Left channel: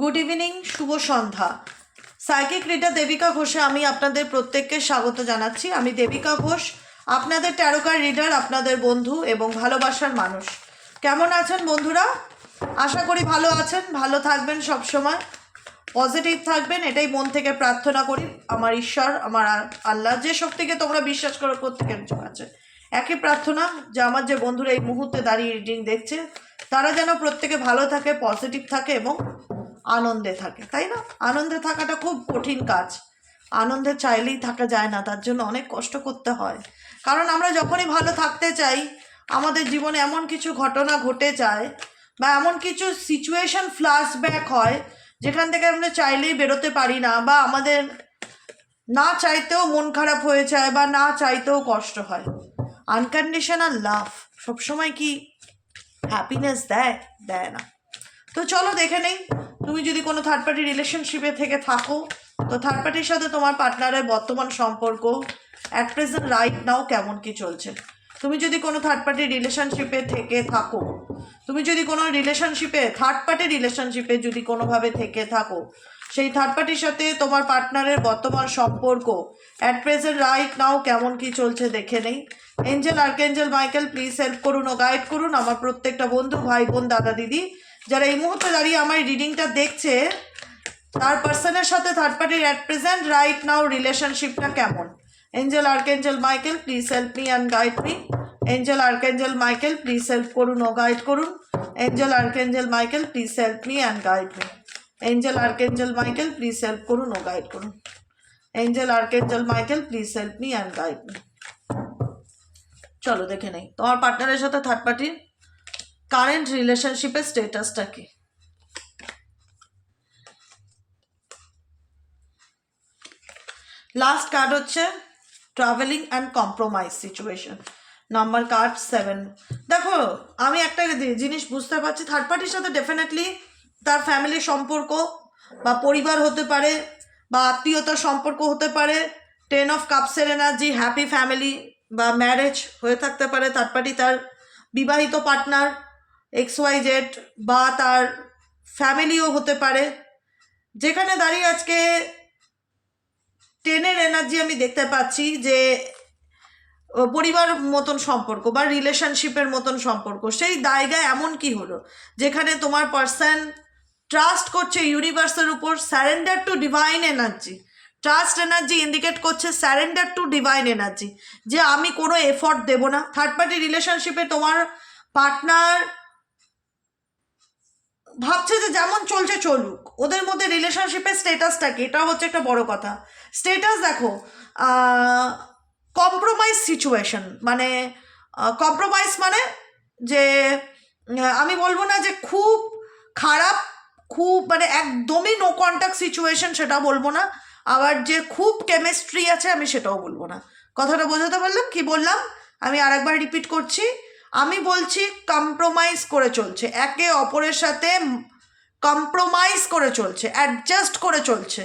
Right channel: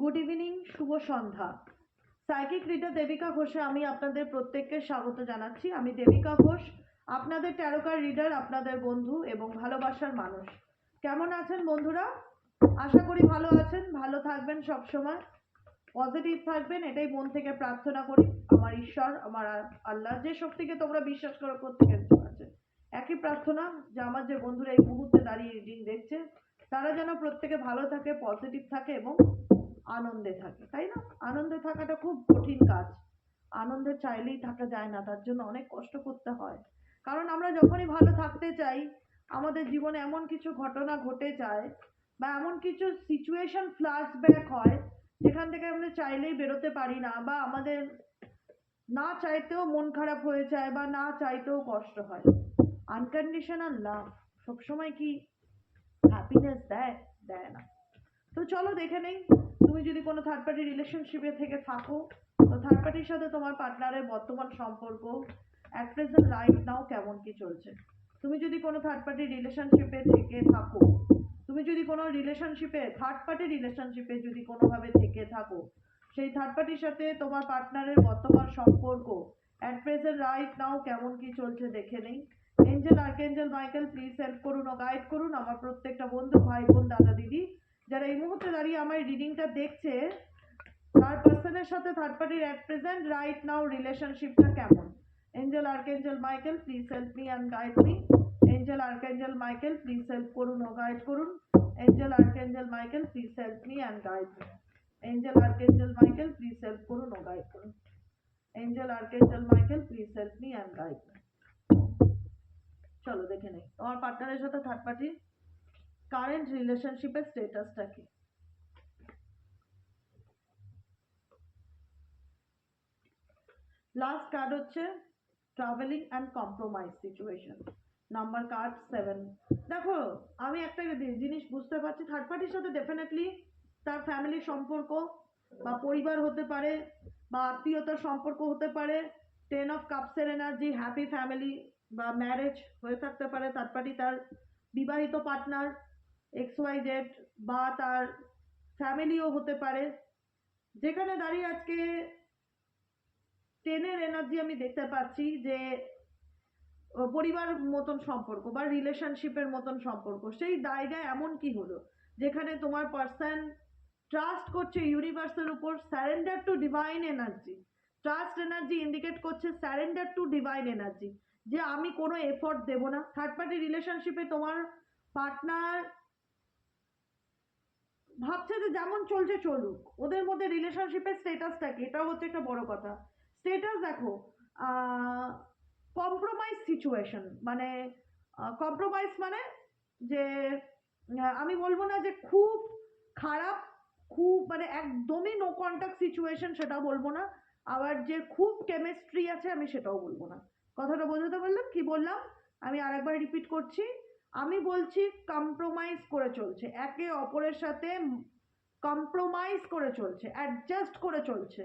Good evening, শুভ সন্ধ্যা। Psychic reader Devika ঘোষে আমি আপনাদের প্রত্যেককে স্বাগত জানাচ্ছি। আমি দেবিকা ঘোষ, আপনাদের ট্যারোকার রিডার, আপনাদের বন্ধু এবং ভালোবাসার মানুষ। কেমন আছেন বন্ধুরা? আশা করি ভালো আছেন, ভালো থাকবেন, সব সময় পজিটিভ থাকবেন, এটাই মন থেকে প্রার্থনা করি। আমার ঈশ্বর, আমার আল্লাহ, যে শক্তিকে তোমরা বিশ্বাস করো প্রত্যেকের কাছে একই প্রার্থনা যে আমার যে বন্ধুরা এই মুহূর্তে দাঁড়িয়ে রিডিং দেখছে তারা যেন প্রত্যেকে ভালো থাকে, পজিটিভ থাকে এবং আনন্দে থাকে, তাই না? আনন্দে থাকাটা খুব কঠিন কাজ। আনন্দে চাইলেই থাকা যায় না, তার জন্য অনেক কষ্ট করতে হয়। কারণ আমরা যখনই ভালো থাকতে চাই, আমাদের জীবনে এমন কিছু ঘটনা ঘটে যায় বা এমন কিছু সিচুয়েশন ফ্ল্যাশব্যাক হয় যেখান থেকে আমরা চাইলেই বেরোতে পারি না, বা আমাদের না চাইতেও মন খারাপ হয়ে যায় বা না চাইতেও কষ্ট হয়। আনকন্ডিশনাল লাভ সবসময় কি হ্যাপিনেস দেয়? দেয় না। তো চলো দেখে নেই, তুমি যদি কোনো থার্ড পার্টি রিলেশনশিপে থেকে থাকো, তো থার্ড পার্টির সাথে তোমার পার্টনারের বর্তমান সম্পর্ক অ্যাট প্রেজেন্ট রাইট নাও কেমন কি চলছে। তুমি যদি কোনো থার্ড পার্টি রিলেশনশিপে থেকে থাকো, তুমি যদি কোনো রিলেশনশিপে থার্ড পার্টি রিলেশনশিপে যদি কোনোভাবে থেকে থাকো, সেই থার্ড পার্টির সাথে তোমার পার্টনারের বর্তমান সম্পর্ক অ্যাট প্রেজেন্ট রাইট নাও কেমন কি চলছে দেখে নেই। Angel, archangel Michael please help করুন ও গাইড করুন আমার প্রত্যেকটা বন্ধু, ভাই বোন, দাদা দিদি যারা এই মুহূর্তে দাঁড়িয়ে আমার রিডিংটা দেখছে, তার পার্সনের সাথে থার্ড পার্টির অ্যাট প্রেজেন্ট রাইট নাও রিলেশনশিপটা কেমন। Angel, archangel Michael please help me and guide me. Angel, archangel Michael please help করুন ও গাইড করুন। Angel, archangel Michael please help me and guide me. Angel, archangel Michael please help করুন ও guide করুন। Angel, archangel Michael please help me and guide me. চলো দেখে নেই তোমার পার্টনারের সাথে থার্ড পার্টির কারেন্ট রিলেশনশিপের স্টেটাসটা কি। লাস্ট কার্ড হচ্ছে travelling and compromise situation, number card 7। দেখো, আমি একটা জিনিস বুঝতে পারছি, থার্ড পার্টির সাথে ডেফিনেটলি তার ফ্যামিলির সম্পর্ক বা পরিবার হতে পারে বা আত্মীয়তার সম্পর্ক হতে পারে। 10 অফ কাপসের এনার্জি, হ্যাপি ফ্যামিলি বা ম্যারেজ হয়ে থাকতে পারে। থার্ড পার্টি তার বিবাহিত পার্টনার XYZ বা তার ফ্যামিলিও হতে পারে। যেখানে দাঁড়িয়ে আজকে 10-এর এনার্জি আমি দেখতে পাচ্ছি যে পরিবার মতন সম্পর্ক বা রিলেশনশিপের মতন সম্পর্ক, সেই জায়গায় এমন কি হলো যেখানে তোমার পার্সন ট্রাস্ট করছে ইউনিভার্সের উপর, surrender to divine energy. Trust energy indicate করছে স্যারেন্ডার টু ডিভাইন এনার্জি, যে আমি কোনো এফর্ট দেব না। থার্ড পার্টি রিলেশনশিপে তোমার পার্টনার ভাবছে যে যেমন চলছে চলুক, ওদের মধ্যে রিলেশনশিপের স্টেটাসটা কি, এটা হচ্ছে একটা বড় কথা। স্টেটাস দেখো, কম্প্রোমাইজ সিচুয়েশন, মানে কম্প্রোমাইজ মানে যে আমি বলবো না যে খুব খারাপ, খুব মানে একদমই নো কন্ট্যাক্ট সিচুয়েশন সেটা বলবো না, আবার যে খুব কেমিস্ট্রি আছে আমি সেটাও বলবো না। কথাটা বোঝাতে পারলাম? কি বললাম আমি আরেকবার রিপিট করছি। আমি বলছি কম্প্রোমাইজ করে চলছে, একে অপরের সাথে কম্প্রোমাইজ করে চলছে, অ্যাডজাস্ট করে চলছে।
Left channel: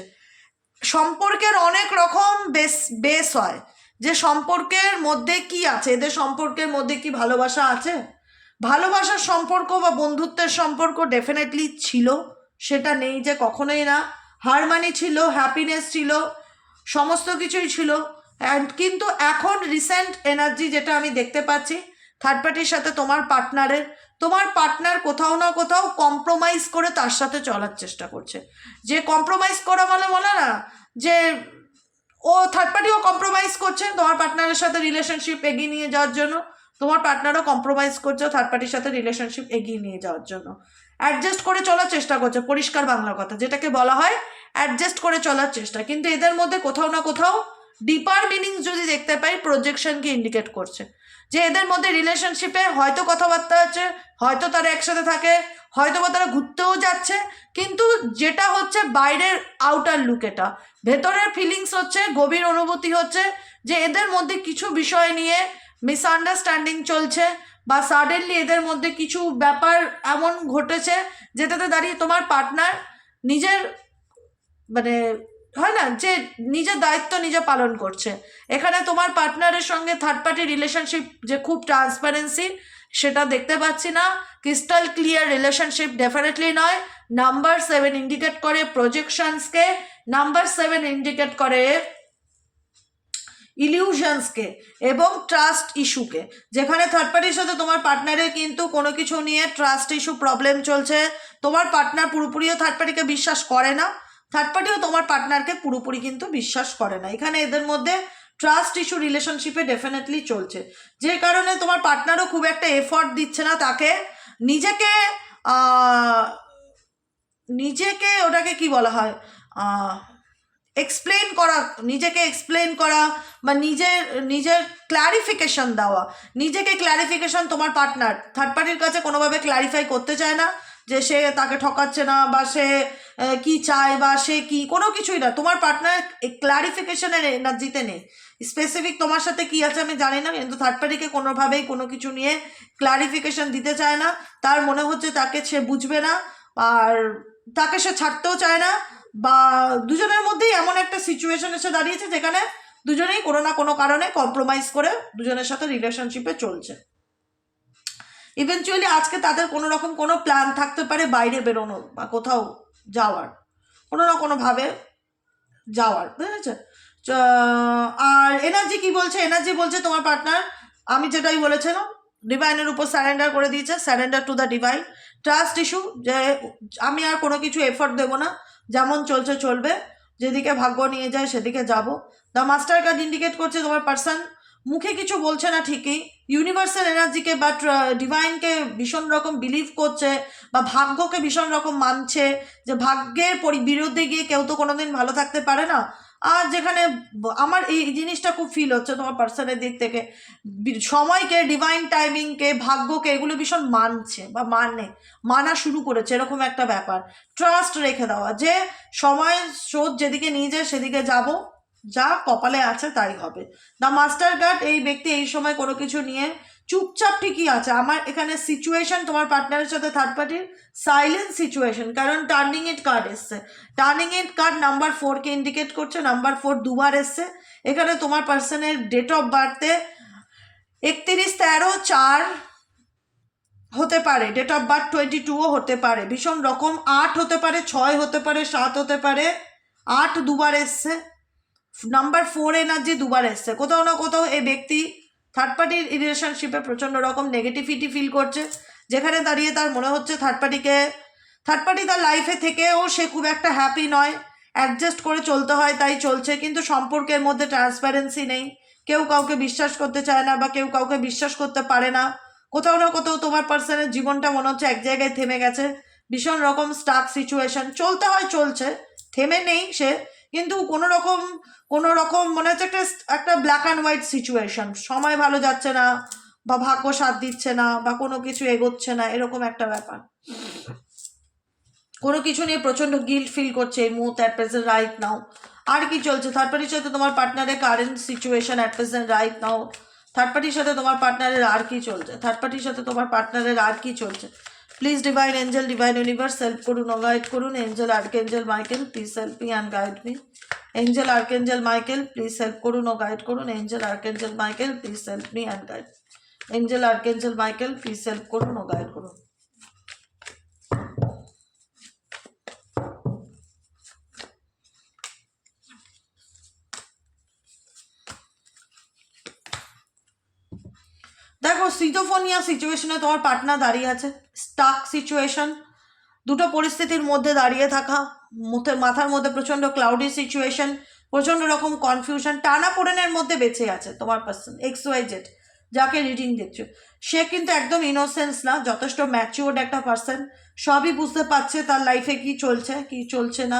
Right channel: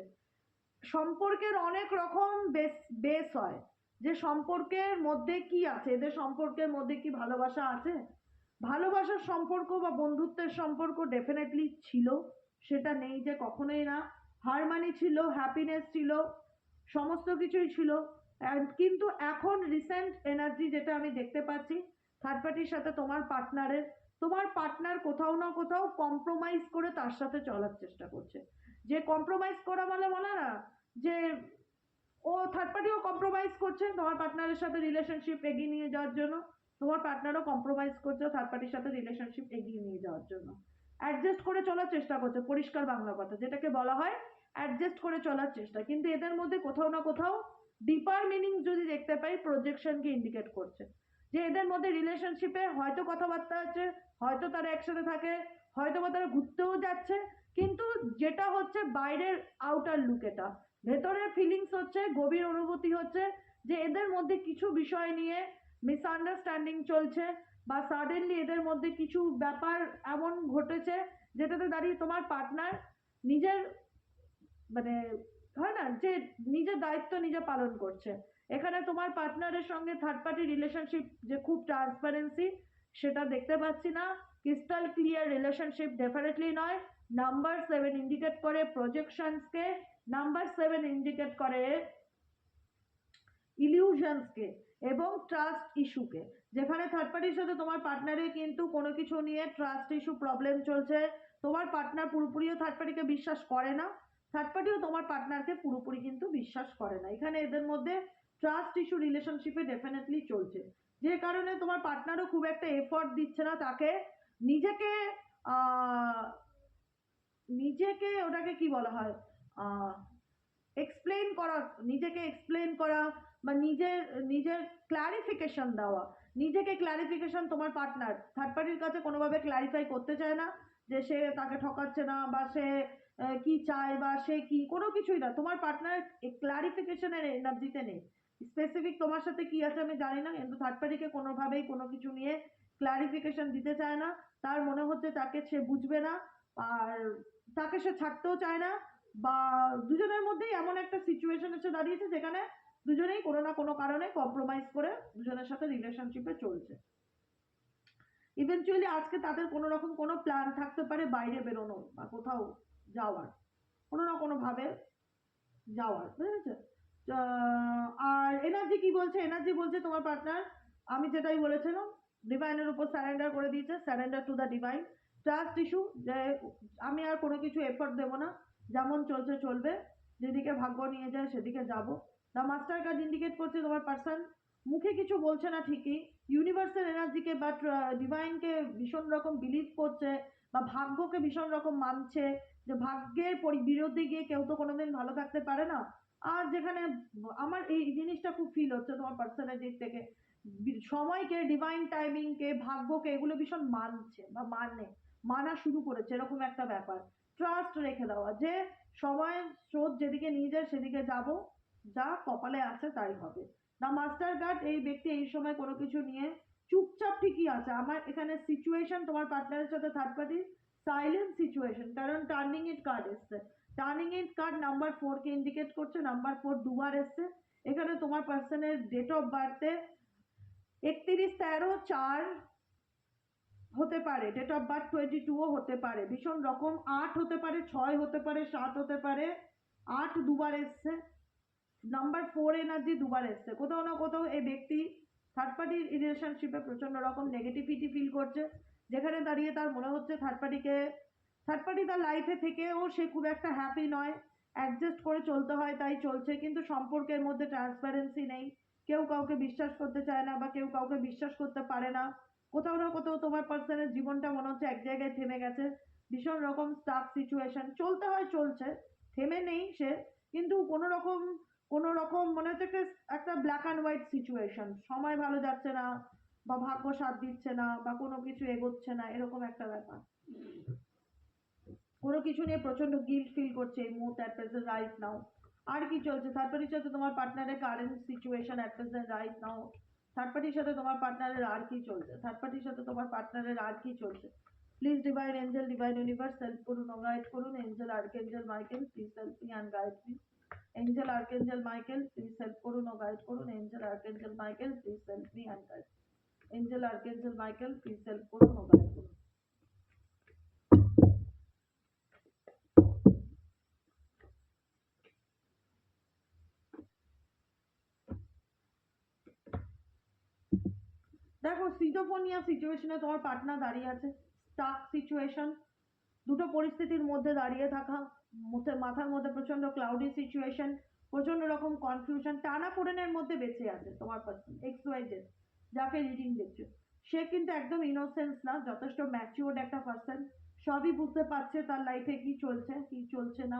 সম্পর্কের অনেক রকম বেস হয়, যে সম্পর্কের মধ্যে কি আছে, এদের সম্পর্কের মধ্যে কি ভালোবাসা আছে? ভালোবাসার সম্পর্ক বা বন্ধুত্বের সম্পর্ক ডেফিনেটলি ছিল, সেটা নেই যে কখনোই না। হারমানি ছিল, হ্যাপিনেস ছিল, সমস্ত কিছুই ছিল। অ্যান্ড কিন্তু এখন রিসেন্ট এনার্জি যেটা আমি দেখতে পাচ্ছি থার্ড পার্টির সাথে তোমার পার্টনার কোথাও না কোথাও কম্প্রোমাইজ করে তার সাথে চলার চেষ্টা করছে। যে কম্প্রোমাইজ করা মানে বলে না যে ও থার্ড পার্টিও কম্প্রোমাইজ করছে তোমার পার্টনারের সাথে রিলেশনশিপ এগিয়ে নিয়ে যাওয়ার জন্য, তোমার পার্টনারও কম্প্রোমাইজ করছে থার্ড পার্টির সাথে রিলেশনশিপ এগিয়ে নিয়ে যাওয়ার জন্য। অ্যাডজাস্ট করে চলার চেষ্টা করছে, পরিষ্কার বাংলা কথা যেটাকে বলা হয় অ্যাডজাস্ট করে চলার চেষ্টা। কিন্তু এদের মধ্যে কোথাও না কোথাও ডিপার মিনিংস যদি দেখতে পাই, প্রজেকশনকে ইন্ডিকেট করছে যে এদের মধ্যে রিলেশনশিপে হয়তো কথাবার্তা আছে, হয়তো তারা একসাথে থাকে, হয়তো বা তারা ঘুরতেও যাচ্ছে, কিন্তু যেটা হচ্ছে বাইরের আউটার লুক, এটা ভেতরের ফিলিংস হচ্ছে, গভীর অনুভূতি হচ্ছে যে এদের মধ্যে কিছু বিষয় নিয়ে মিসআন্ডারস্ট্যান্ডিং চলছে, বা সাডেনলি এদের মধ্যে কিছু ব্যাপার এমন ঘটেছে যেটাতে দাঁড়িয়ে তোমার পার্টনার নিজের মানে হয় না যে নিজের দায়িত্ব নিজে পালন করছে। এখানে তোমার পার্টনারের সঙ্গে থার্ড পার্টি রিলেশনশিপ যে খুব ট্রান্সপারেন্সি সেটা দেখতে পাচ্ছি না। ক্রিস্টাল ক্লিয়ার রিলেশনশিপ ডেফিনেটলি নয়। নাম্বার 7 ইন্ডিকেট করে প্রজেকশনসকে, নাম্বার 7 ইন্ডিকেট করে ইলিউশনসকে এবং ট্রাস্ট ইস্যুকে, যেখানে থার্ড পার্টির সাথে তোমার পার্টনারের কিন্তু কোনো কিছু নিয়ে ট্রাস্ট ইস্যু প্রবলেম চলছে। তোমার পার্টনার পুরোপুরিও থার্ড পার্টিকে বিশ্বাস করে না, থার্ড পার্টিও তোমার পার্টনারকে পুরোপুরি কিন্তু বিশ্বাস করে না। এখানে এদের মধ্যে ট্রাস্ট ইস্যু রিলেশনশিপে ডেফিনেটলি চলছে, যে কারণে তোমার পার্টনারও খুব একটা এফর্ট দিচ্ছে না তাকে নিজেকে নিজেকে ওটাকে কি বলা হয় এক্সপ্লেন করা, নিজেকে এক্সপ্লেন করা বা নিজের ক্ল্যারিফিকেশন দেওয়া। নিজেকে ক্ল্যারিফিকেশন তোমার পার্টনার থার্ড পার্টির কাছে কোনোভাবে ক্ল্যারিফাই করতে চায় না যে সে তাকে ঠকাচ্ছে না বা সে কি চায় বা সে কি, কোনো কিছুই না। তোমার পার্টনার ক্ল্যারিফিকেশনের এনার্জিতে নেই। স্পেসিফিক তোমার সাথে কি আছে আমি জানি না, কিন্তু থার্ড পার্টিকে কোনোভাবেই কোনো কিছু নিয়ে ক্ল্যারিফিকেশন দিতে চায় না। তার মনে হচ্ছে তাকে সে বুঝবে না আর তাকে সে ছাড়তেও চায় না, বা দুজনের মধ্যেই এমন একটা সিচুয়েশন এসে দাঁড়িয়েছে যেখানে দুজনেই কোনো না কোনো কারণে কম্প্রোমাইজ করে দুজনের সাথে রিলেশনশিপে চলছে। ইভেনচুয়ালি আজকে তাদের কোনো রকম কোনো প্ল্যান থাকতে পারে বাইরে বেরোনোর বা কোথাও যাওয়ার, কোনো না কোনোভাবে যাওয়ার, বুঝেছে? আর এনার্জি কি বলছে? এনার্জি বলছে তোমার পার্টনার, আমি যেটাই বলেছিলাম, ডিভাইনের উপর স্যারেন্ডার করে দিয়েছে, surrender to the divine. Trust issue, যে আমি আর কোনো কিছু এফর্ট দেবো না, যেমন চলছে চলবে, যেদিকে ভাগ্য নিয়ে যায় সেদিকে যাব। দ্য মাস্টার কার্ড ইন্ডিকেট করছে তোমার পার্সন মুখে কিছু বলছে না ঠিকই, ইউনিভার্সাল এনার্জিকে বা ডিভাইনকে ভীষণ রকম বিলিভ করছে বা ভাগ্যকে ভীষণ রকম মানছে, যে ভাগ্যের বিরুদ্ধে গিয়ে কেউ তো কোনোদিন ভালো থাকতে পারে না। আর যেখানে আমার এই জিনিসটা খুব ফিল হচ্ছে তোমার পার্সনের দিক থেকে, সময়কে, ডিভাইন টাইমিংকে, ভাগ্যকে, এগুলো ভীষণ মানছে বা মানা শুরু করেছে, এরকম একটা ব্যাপার। ট্রাস্ট রেখে দেওয়া যে সময় স্রোত যেদিকে নিয়ে যায় সেদিকে যাব, যা কপালে আছে তাই হবে। দ্য মাস্টার কার্ড, এই ব্যক্তি এই সময় কোনো কিছু নিয়ে চুপচাপ ঠিকই আছে। আমার এখানে সিচুয়েশন তোমার পার্টনারের সাথে থার্ড পার্টির সাইলেন্ট সিচুয়েশন, কারণ টার্নিং ইট কার্ড এসছে। টার্নিং ইট কার্ড নাম্বার 4কে ইন্ডিকেট করছে, নাম্বার 4 দুবার এসছে। এখানে তোমার পার্সনের ডেট অফ বার্থে 31/13/4 হতে পারে, ডেট অফ বার্থ 22ও হতে পারে, ভীষণ রকম 8 হতে পারে, 6 হতে পারে, 7 হতে পারে। 8 দুবার এসছে, নাম্বার 4 এনার্জি দুবার এসছে। কোথাও না কোথাও এই ব্যক্তি থার্ড পার্টির রিলেশনশিপে প্রচণ্ড রকম নেগেটিভিটি ফিল করছে, যেখানে দাঁড়িয়ে তার মনে হচ্ছে থার্ড পার্টি তার লাইফে থেকেও সে খুব একটা হ্যাপি নয়, অ্যাডজাস্ট করে চলতে হয় তাই চলছে, কিন্তু সম্পর্কের মধ্যে ট্রান্সপারেন্সি নেই, কেউ কাউকে বিশ্বাস করতে চায় না বা কেউ কাউকে বিশ্বাস করতে পারে না। কোথাও না কোথাও তোমার পার্সনের জীবনটা মনে হচ্ছে এক জায়গায় থেমে গেছে, ভীষণ রকম স্টাক সিচুয়েশন, চলতে হয় চলছে, থেমে নেই সে, কিন্তু কোনো রকম মনে হচ্ছে একটা ব্ল্যাক অ্যান্ড হোয়াইট সিচুয়েশন, সময় ভালো যাচ্ছে না বা ভাগ্য সাথ দিচ্ছে না বা কোনো কিছু এগোচ্ছে না, এরকম একটা ব্যাপার। কোনো কিছু নিয়ে প্রচণ্ড গিল্ট ফিল করছে এই মুহূর্তে অ্যাট প্রেজেন্ট রাইট নাও। আর কি চলছে থার্ড পার্টির সাথে তোমার পার্টনারের current situation at present right now? Third পার্টির সাথে তোমার পার্টনারের আর কি চলছে? থার্ড পার্টির সাথে তোমার পার্টনারের আর কি চলছে? Please divine Angel, divine universe help করুন ও গাইড করুন। Angel archangel Michael please help me and guide me. Angel archangel Michael please help করুন ও গাইড করুন। Angel archangel Michael please help me and guide. Angel archangel Michael please help করুন ও guide করুন। দেখো সিজোফোনিয়া সিচুয়েশনে তোমার পার্টনার দাঁড়িয়ে আছে, স্টাক সিচুয়েশন, দুটো পরিস্থিতির মধ্যে দাঁড়িয়ে থাকা, মাথার মধ্যে প্রচণ্ড ক্লাউডি সিচুয়েশন, প্রচণ্ড রকম কনফিউশন, টানাপোড়েনের মধ্যে বেঁচে আছে তোমার পার্সন XYZ যাকে রিডিং দেখছো। সে কিন্তু একদম ইনোসেন্স না, যথেষ্ট ম্যাচিওর্ড একটা পার্সন, সবই বুঝতে পারছে তার লাইফে কি চলছে কি চলছে না,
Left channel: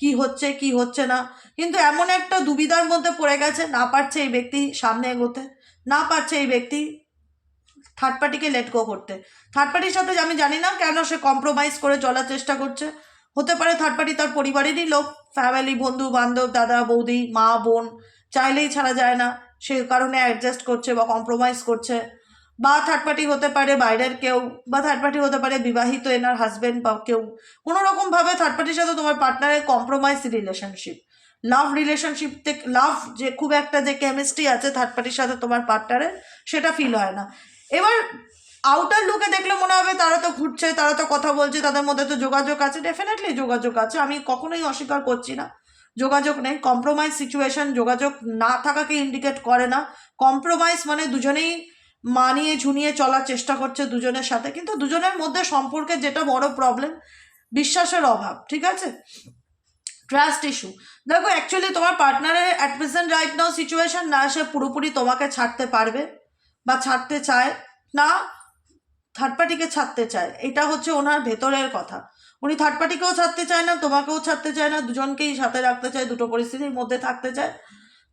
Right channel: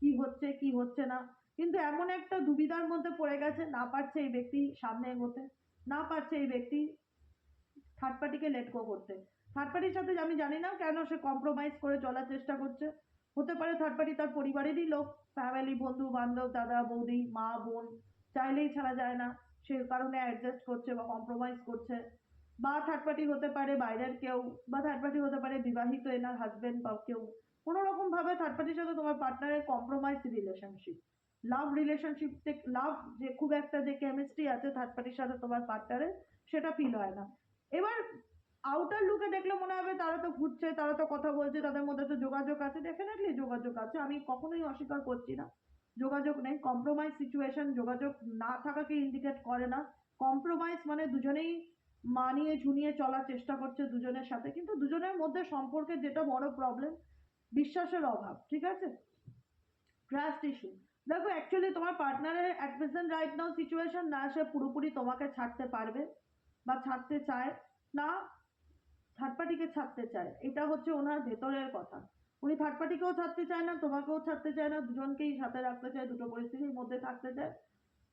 কি হচ্ছে কি হচ্ছে না, কিন্তু এমন একটা দুবিধার মধ্যে পড়ে গেছে, না পারছে এই ব্যক্তি সামনে এগোতে, না পারছে এই ব্যক্তি থার্ড পার্টিকে লেট গো করতে। থার্ড পার্টির সাথে আমি জানি না কেন সে কম্প্রোমাইজ করে চলার চেষ্টা করছে। হতে পারে থার্ড পার্টি তার পরিবারেরই লোক, ফ্যামিলি, বন্ধু বান্ধব, দাদা বৌদি, মা বোন, চাইলেই ছাড়া যায় না, সে কারণে অ্যাডজাস্ট করছে বা কম্প্রোমাইজ করছে। বা থার্ড পার্টি হতে পারে বাইরের কেউ, বা থার্ড পার্টি হতে পারে বিবাহিত এনার হাজব্যান্ড বা কেউ। কোনো রকমভাবে থার্ড পার্টির সাথে তোমার পার্টনারের কম্প্রোমাইজ রিলেশনশিপ, লাভ রিলেশনশিপ থেকে লাভ যে খুব একটা যে কেমিস্ট্রি আছে থার্ড পার্টির সাথে তোমার পার্টনারের, সেটা ফিল হয় না। এবার আউটার লুকে দেখলে মনে হবে তারা তো ঘুরছে, তারা তো কথা বলছে, তাদের মধ্যে তো যোগাযোগ আছে, ডেফিনেটলি যোগাযোগ আছে, আমি কখনোই অস্বীকার করছি না যোগাযোগ নেই। কম্প্রোমাইজ সিচুয়েশন যোগাযোগ না থাকাকে ইন্ডিকেট করে না। কম্প্রোমাইজ মানে দুজনেই মানিয়ে ঝুনিয়ে চলার চেষ্টা করছে দুজনের সাথে, কিন্তু দুজনের মধ্যে সম্পর্কে যেটা বড় প্রবলেম, বিশ্বাসের অভাব, ঠিক আছে, ট্রাস্ট ইস্যু। দেখো অ্যাকচুয়ালি তোমার পার্টনারের at present right now situation না, সে পুরোপুরি তোমাকে ছাড়তে পারবে বা ছাড়তে চায় না, থার্ড পার্টিকে ছাড়তে চায়, এটা হচ্ছে ওনার ভেতরের কথা। উনি থার্ড পার্টিকেও ছাড়তে চায় না, তোমাকেও ছাড়তে চায় না, দুজনকেই সাথে রাখতে চায়, দুটো পরিস্থিতির মধ্যে থাকতে চায়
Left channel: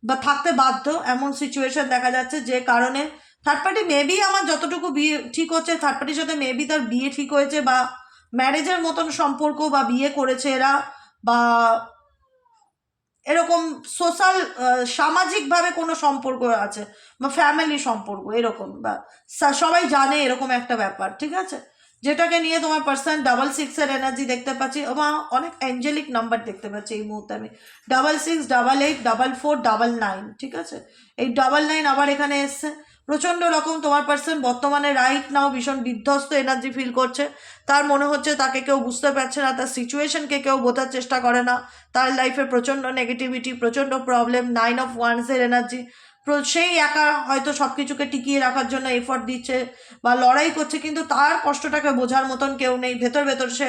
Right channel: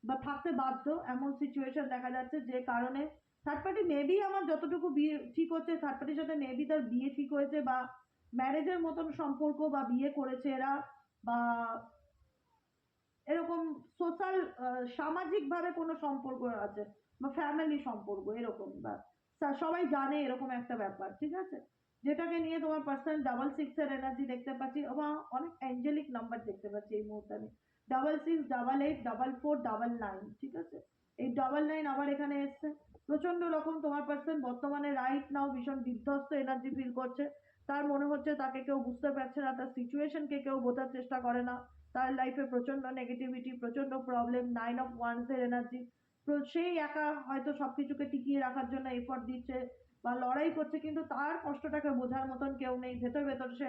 বা থাকতে বাধ্য, এমন সিচুয়েশন দেখা যাচ্ছে। যে কারণে থার্ড পার্টি মেবি, আমার যতটুকু বিয়ে ঠিক হচ্ছে, থার্ড পার্টির সাথে মেবি তার বিয়ে ঠিক হয়েছে বা ম্যারেজের মতন সম্পর্ক বা বিয়ে করেছে এরা, বা এরকম সোশ্যাল সামাজিকভাবে কোনো সম্পর্ক আছে বা ফ্যামিলি সম্পর্ক এরকম, বা সবাই জানে এরকম একটা ব্যাপার, ঠিক আছে, যেটাকে নিয়ে তোমার পার্সন 66-এর এনার্জি দেখতে পাচ্ছি। আমার অনেক অ্যাঞ্জেলিক নাম্বার দেখতে পাচ্ছি এই মুহূর্তে আমি, 66, 88, 44, 99, ঠিক আছে, এই 99 আবার এখানে এসছে। প্রচণ্ড রকম তোমার পার্সন বর্তমানে রাইট নাও ভীষণ বিধ্বস্ত এনার্জি ফিল করছে। তার মনে হচ্ছে তাকে কেউ বুঝতে পারছে না, তার সিচুয়েশনকে কেউ বোঝার চেষ্টা করে না, তার লাইফে প্রচণ্ড নেগেটিভিটি, প্রচণ্ড প্রবলেম, 9 অফ ওয়ান্সের এনার্জি। সেই একা হয়তো সব কিছুকে টিকিয়ে রাখার জন্য এফর্ট দিচ্ছে বা লড়াই করছে, কিন্তু তার কষ্টটাকে বোঝার মতন কেউ নেই। ভেতর ভেতর সে